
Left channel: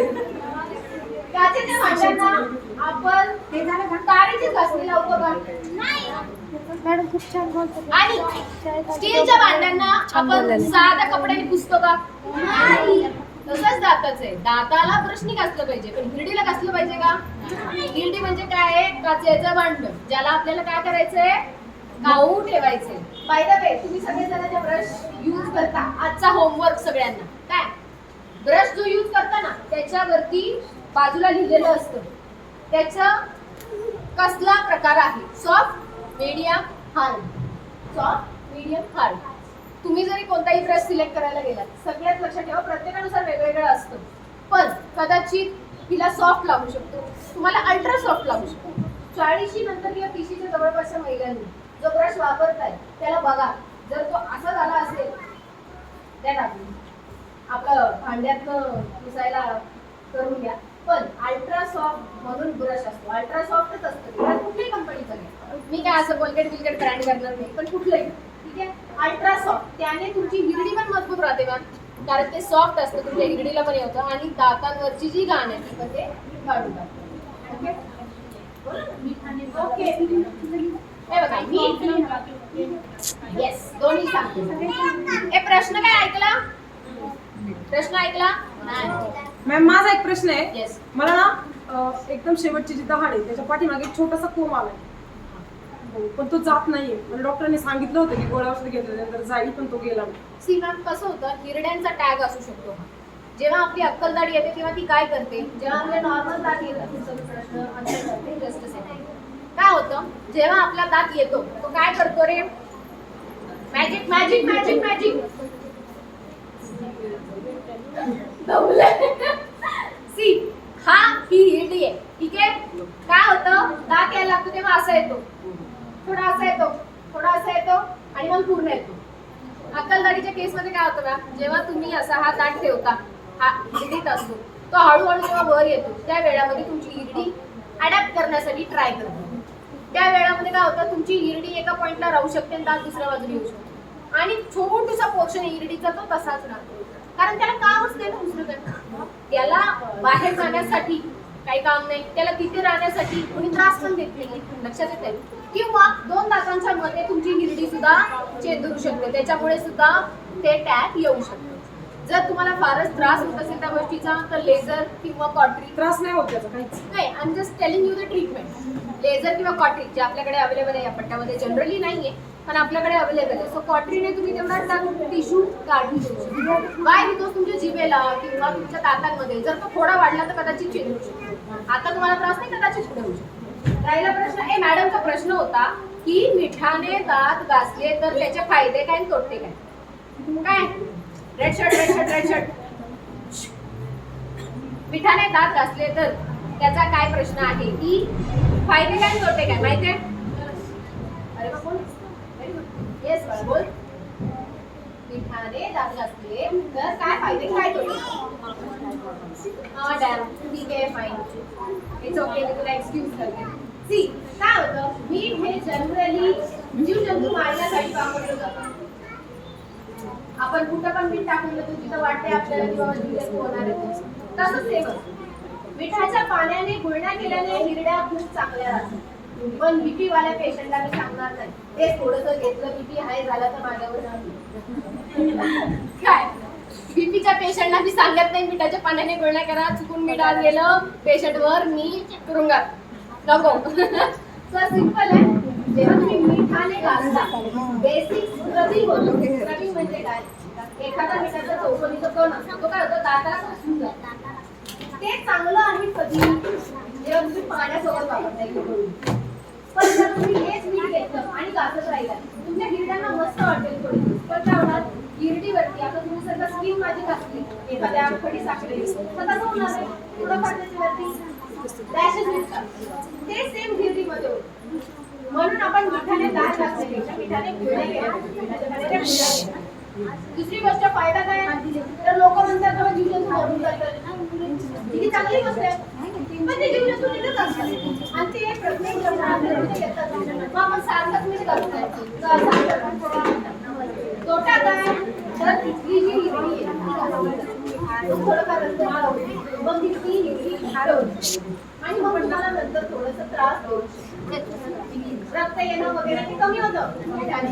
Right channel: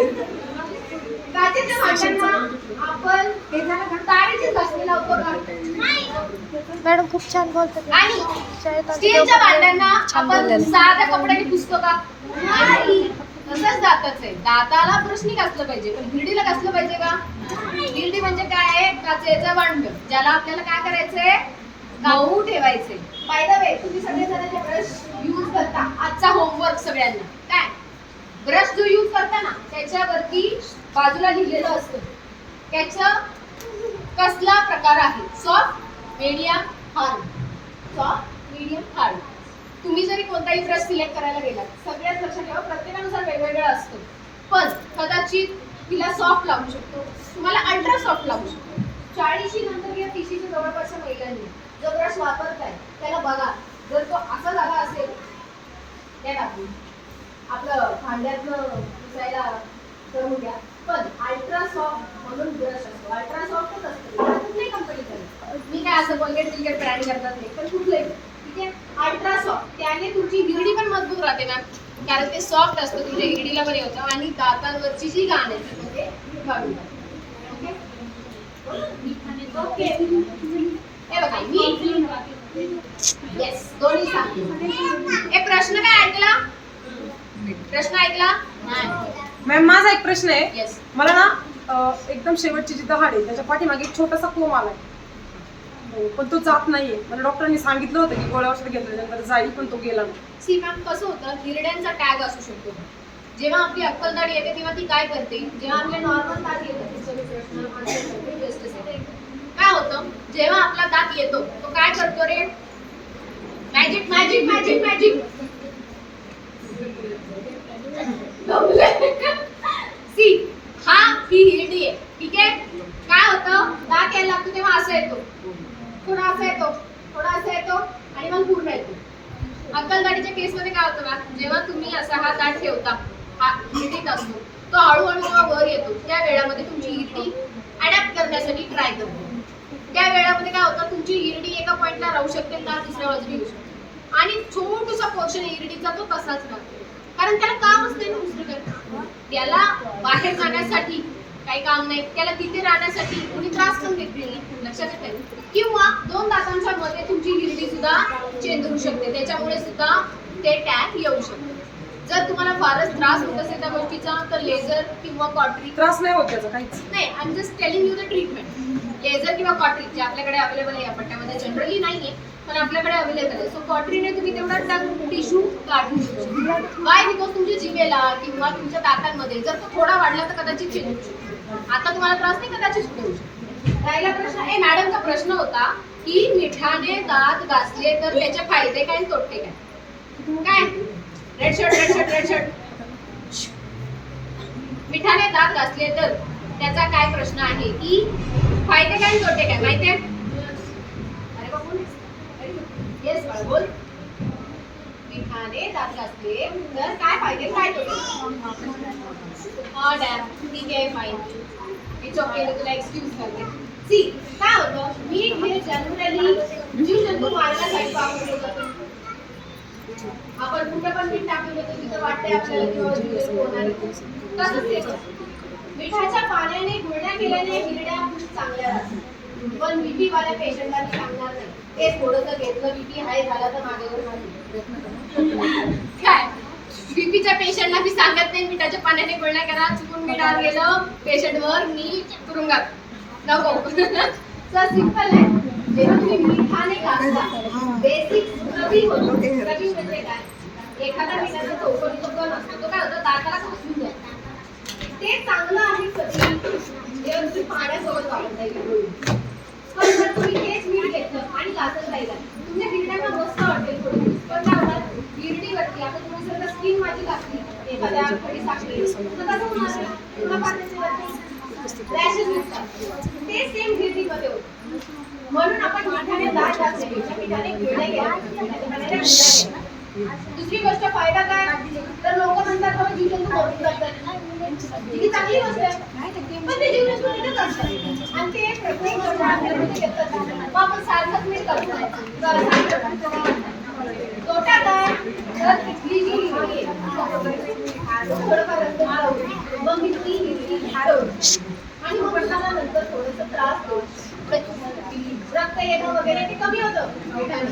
काचेच्या भांड्यांना आपण तारेची घासणी लावतो का? मॅडम खूप छान बोलतात. आणि शाळेत स्टीलच्या भांड्यांना आपण बोललेलं. साध्या कपड्याने पुसतो का? नाही. तसंच दाताचं आहे, दाताला ब्रशनी घासलं पाहिजे, पण हिरडीला घासलं पाहिजे का? हिरडी म्हणजे काय आहे, काचेचं भांड, ज्याला आपल्याला काय करायचंय, काऊ ठेवायचंय. बाय द वे तुम्ही सगळे जण जे ब्रश यूज करता, आजचा होमवर्क सगळ्यांना, काय ब्रश जो यूज करता ना त्याच्यावरती बाजूला लिहिलेलं असतं त्याचा कसला प्रकार आहे, soft, medium, hard. Soft, medium, hard. तुम्ही जरी कोणताही ब्रश सिलेक्ट करायला गेलात, सगळ्यात लक्षात ठेवा प्रत्येकानुसार वेगवेगळं असतं, पण कदाचित तिला सॉफ्ट लागू शकतो, तुम्हाला अल्ट्रा सॉफ्ट लागू शकतो. 40 नंतर किंवा 30च्या जवळपासच्या महिलांनी जो ब्रश वापरताय त्याला बघा, जर तो असा झाला असेल त्या टाकून आपलं भांड्यातलं पुसायला करून घ्या. पण अल्ट्रा सॉफ्ट म्हणून ब्रश असतो, अल्ट्रा सॉफ्टच असतो कुठल्याही कंपनीचं. मी काय असं कोलगेट बिलगेट ब्रँड करणार नाही, पण कुठलंही ठीक आहे. अल्ट्रा सॉफ्ट त्याने तुमची हिरडी पण मजबूत राहते मॅम, कारण ते सॉफ्ट असतं, तुमच्या हिरडीला पण येतं आणि दातांवरची जी घाण आहे ती पण ते काढून टाकतं. ओके, हे बघा मी येस दोन्ही सांगते. हे प्रश्न काय ऐकला, प्रश्न ऐकला मॅम माझा एक प्रश्न आहे. येस. मला ना एकदम शेवटची जी दहाड आहे त्याच्या पाठीमागे एक छोटासा कोंब आलाय, पण तो जात नाहीये. मला डॉक्टरांनी सांगितलं होतं की गोळ्या औषध घेतल्यानंतर जाईल, पण तो गेला नाही. सी मॅम कसं होतं, हिरड्यांचा टॅग असू शकतो. जेव्हा आपली अक्कलदाढ येते तेव्हा ती काय करते, जेव्हा आपल्या नॉर्मल दात येतात काय होतं, जेव्हा आपला दात येतो तो काय करतो रे, मॅजिक मॅजिक मॅजिक मॅजिक. सी हा ही हिरडी आहे, ठीक आहे. काय होतं, दात यायला लागतो तेव्हा असं येतो, थोडा असा येतो, थोडा असा येतो आणि मग पूर्ण येतो. अक्कलदाढीच्या केस मध्ये काय होतं मॅम, जेव्हा तुम्ही असा हा दात ठेवता, हा हिरडीत असतो, तो हळूहळू जेव्हा वर येतो त्या वेळामध्ये तुमची हिरडी अडॅप्ट करण्यासाठी ट्राय करतो. त्या वेळामध्ये काय होतं, तुमची हिरडी एका पॉइंटला राहू शकते आणि दात दुसऱ्या बाजूला येऊ शकतो आणि छोटूसा पोर्शन हिरडीचा तो तसाच राहतो, कारण त्याला काम असते ना दुसरं काय, त्याला बाहेर जाण्यासाठी काही काम नाही, त्याला तिथे राहण्यासाठी तुम्ही त्रास पण घेतली नाही, लक्षात येते. किंवा दोन दातांच्या मध्ये तुमची हिरडी सुद्धा चेंज होऊ शकते, त्याच्यामुळे सुद्धा ते टॅग येऊ शकते. जर तुम्हाला फारच त्रास होत असेल त्या गोष्टीचा तर लेझर किंवा कॉटरी त्रास नाही होत त्याचा काहीच. नाही, I am just telling you the treatment. Laser किंवा कॉटरी जे आपल्याकडे अवेलेबल आहे या पट्ट्यामध्ये जनरली नाहीये पण आपल्याकडे अवेलेबल आहे. सो कॉटरीने तुम्ही तेवढा टंग टिश्यू काढून घेऊ शकता. वाय? बिकॉज तुमच्या जिभेला किंवा तुमच्या दातांमध्ये जर तो थोडा वाढला तर कदाचित चेंज होऊ शकतो. आता तुम्हाला त्रास नाही, कदाचित पुढे होऊ शकतो. राहिला प्रश्न मॅडमचा प्रश्न होता की मिठाने दात घासले तर त्याचे फायदे काय आणि तोटे काय? काय? Red shirt red shirt red shirt. मिठाने दात घासले तर त्याचा काय प्रश्न आहे की फायदे काय आणि तोटे काय माहितीये? अरे बाबा येस बाळा बोल. मिठाने दात घासले तर काय फायदे काय तोटे? हा डॅम ठीक आहे फाईन. इट्स ओके, मी तुला एक्सक्यूज करते. सी काय होतं, मीठ हे जनरली जीवजंतू मारण्यासाठी वापरलं जातं. आपण कुठे पण मीठ टाकून देतो तिथं वाटते आपल्याला किंवा जीवजंतू होणार आहे. तसंच ते मिठाच्या पाण्याने गुळण्या केल्याने हिरड्या खूप चांगल्या राहतात. पण बीपी वाल्या पेशंटला मी सांगणार नाही. ते थोडंसं घेतलं बीपी हाय झाला तर माझ्यावर काय बीपीच्या पेशंटला मी सांगत नाही मिठाच्या पाण्याने गुळण्या करा. चुकून मीठ आत गेलं पेशंटवर मी तुरुंगात नको. तर सिंपल आहे. जेव्हा तुम्ही मिठाने घासता बेसिक स्क्रबिंग होतो. स्क्रबिंग म्हणजे काय? एखादा मिठाचा चौकोनीचा कण असतो तो काय होतं दाताला घासून जातो. ते चांगलं आहे कधी जेव्हा तुम्ही पाण्यासोबत वापरता येईल. पण जर तुम्ही हेच मीठ घेतलं आणि घासत राहिला तुमच्या हिरड्यांना मस्त वाटेल थोडी. पण काय होणार हिरडीवरती आता तुम्ही जर स्किन माझी घातली एखाद्या खडी साखळी तर कसं होणार आहे? थोडंफार त्याच्यावरती रॅशेस दिसतात. ते सेम हिरडीमध्ये होतं. म्हणून आपण मिठाने दात घासण्यापेक्षा मिठाने गुळण्या केल्या. दुसरी गोष्ट फायदा काय तर लोक म्हणतात बाबा जीवजंतू मरून जातात. ही चांगली गोष्ट आहे पण ते जीवजंतू नीटच असतात आणि ते प्रत्येक जण आपल्यामध्ये घेतात. मग आपण सारखंच नीट करत नाही. तोटा काय तर ही जी हिरडी आहे थोडंफार रक्त वाढवते मग ही हिरडी हरवते आणि मग मला नंतर थोडंसं त्रास होतो. रक्त येणं वगैरे ते कमी होतं मिठाने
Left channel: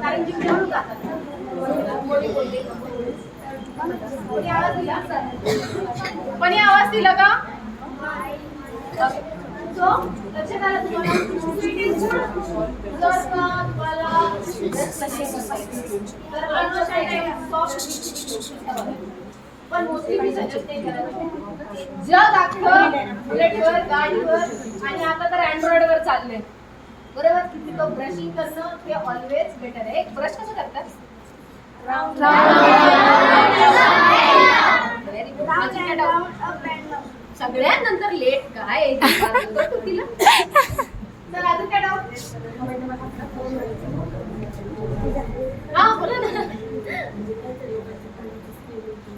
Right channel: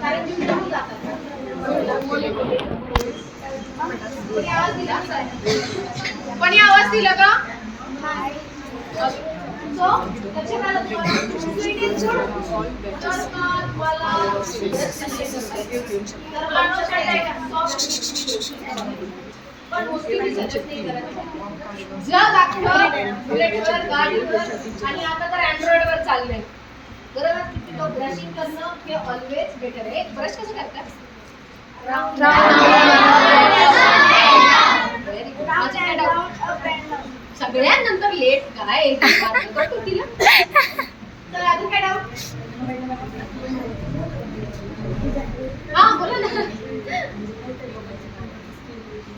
कारण जीवजंतू जातात. कोणी आवाज दिला का? सो लक्षात आलं तुम्हाला? Sweet is good. पण मोस्टली मी सजेस्ट नाही करत. जग अख्खं बुलेटवर गाडीवर आणि आता तर अँड्रॉइड वर चाललंय बरोबर. तो ब्रशिंग करणं हे ऑलवेज बेटर आहे. ब्रश कसं करतात? Very good. सगळ्यांनंतर लेट काय करतो तिला. तर अजून काय डाऊट? हा बोला ना.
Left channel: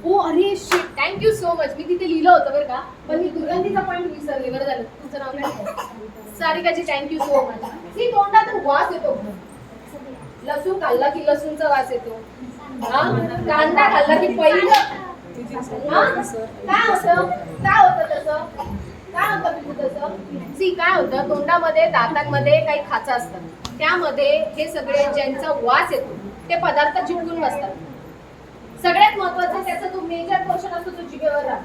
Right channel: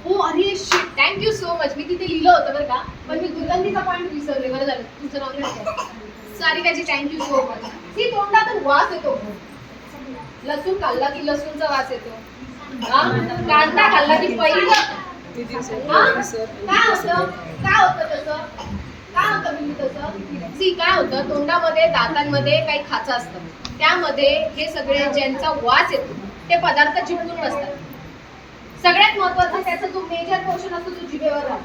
हो अरे शिट थँक्यू सो मच. मी तिथे लिहिलं होतं बरं का पण मी दुर्गंधीचा पॉईंट विसरले. बरं झालं तुमचं नाव काय? सारिकाजी थँक्यू सो मच. ती तोंडातून वास येतो. लसूण खाल्ला की लसूणचा वास येतो. कांदा खाल्ला की पहिलं काय होतं तसं सी काय होतं तोंडामध्ये दातांमध्ये काही खाचा असतात त्यामध्ये हे सगळे ज्यांचा वास येतो ते पदार्थ चिटकून बसतात. सगळ्यात महत्वाचा त्याचा जो मेजर पोर्शन असतो तो जिभेवर राहतो.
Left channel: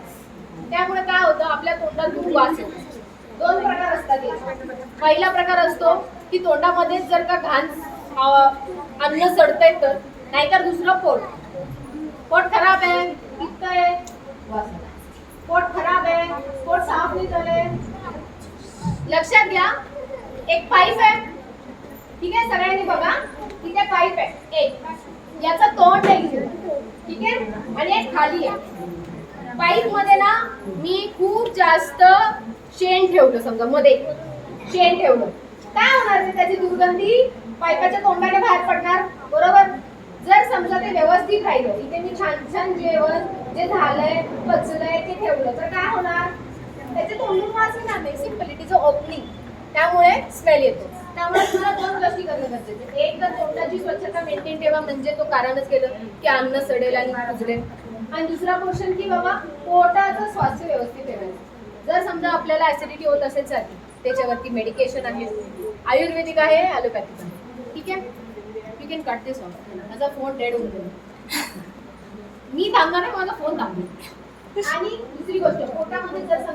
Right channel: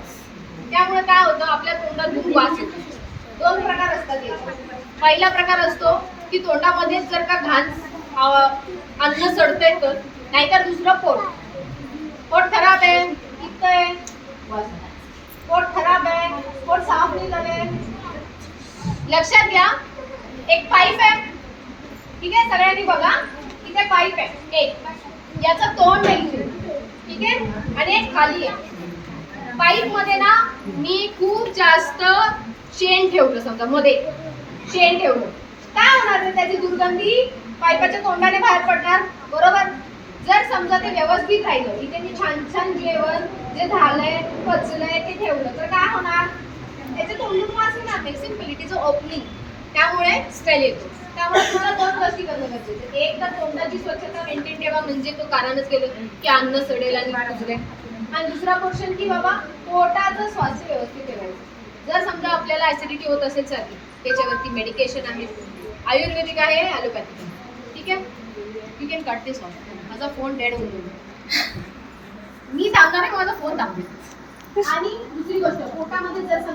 त्यामुळे काय होतं आपल्या तोंडातून वास येतो. दोन प्रकार असतात. पहिला प्रकार असतो की तोंडामध्ये जर का घाण अन्न सडतंय तर नाहीतर दुसरं पोट खराब आहे पित्त आहे पोट खराब आहे पोट साफ नाही झाले. लक्षात घ्या एक पाईप आहे ठीक आहे सगळ्यांनी बघा इथे पाईप आहे एक याचं तोंड आहे ठीक आहे आणि एक खाली आहे. पाईप मध्ये ना मी खूप जास्त शेण ठेवलं समजा मध्ये शेण ठेवलं काय होणार आहे त्याची दुर्गंधी पाईपाच्या तोंडाने बाहेर पडणार बरोबर. जर समजा ते व्यवस्थित राहिलं इथे मी छान छान जेवण जे झालंय पचलंय ते ठेवलं तर काय होणार त्याचे तोंडून वास येणार नाही. Simple it is a opening त्यामुळे स्मेल येतो. त्यामुळे तुला दोन गोष्टी करणं गरजेचं. एक तर तोंडाची स्वच्छता मेंटेन ठेवा म्हणजे तो कारणच केलं की अन्न सडेल आणि कुजरेल. आणि दुसरा पोर्शन की बाबा पोटाचं स्वास्थ्य व्यवस्थित ठेवायचं. जर समजा आपल्याला ऍसिडिटी होत असेल सारखी त्याच्यावरती मेडिकेशन आहे आयुर्वेदिक आहे ॲलोपॅथिक आहे ठीक आहे. You can cut this of. माझा फोन डेड होऊन गेला. मी सांगणार आहे माझा फोन दाखवेल. आणि दुसरी गोष्ट पोटामध्ये जर समजा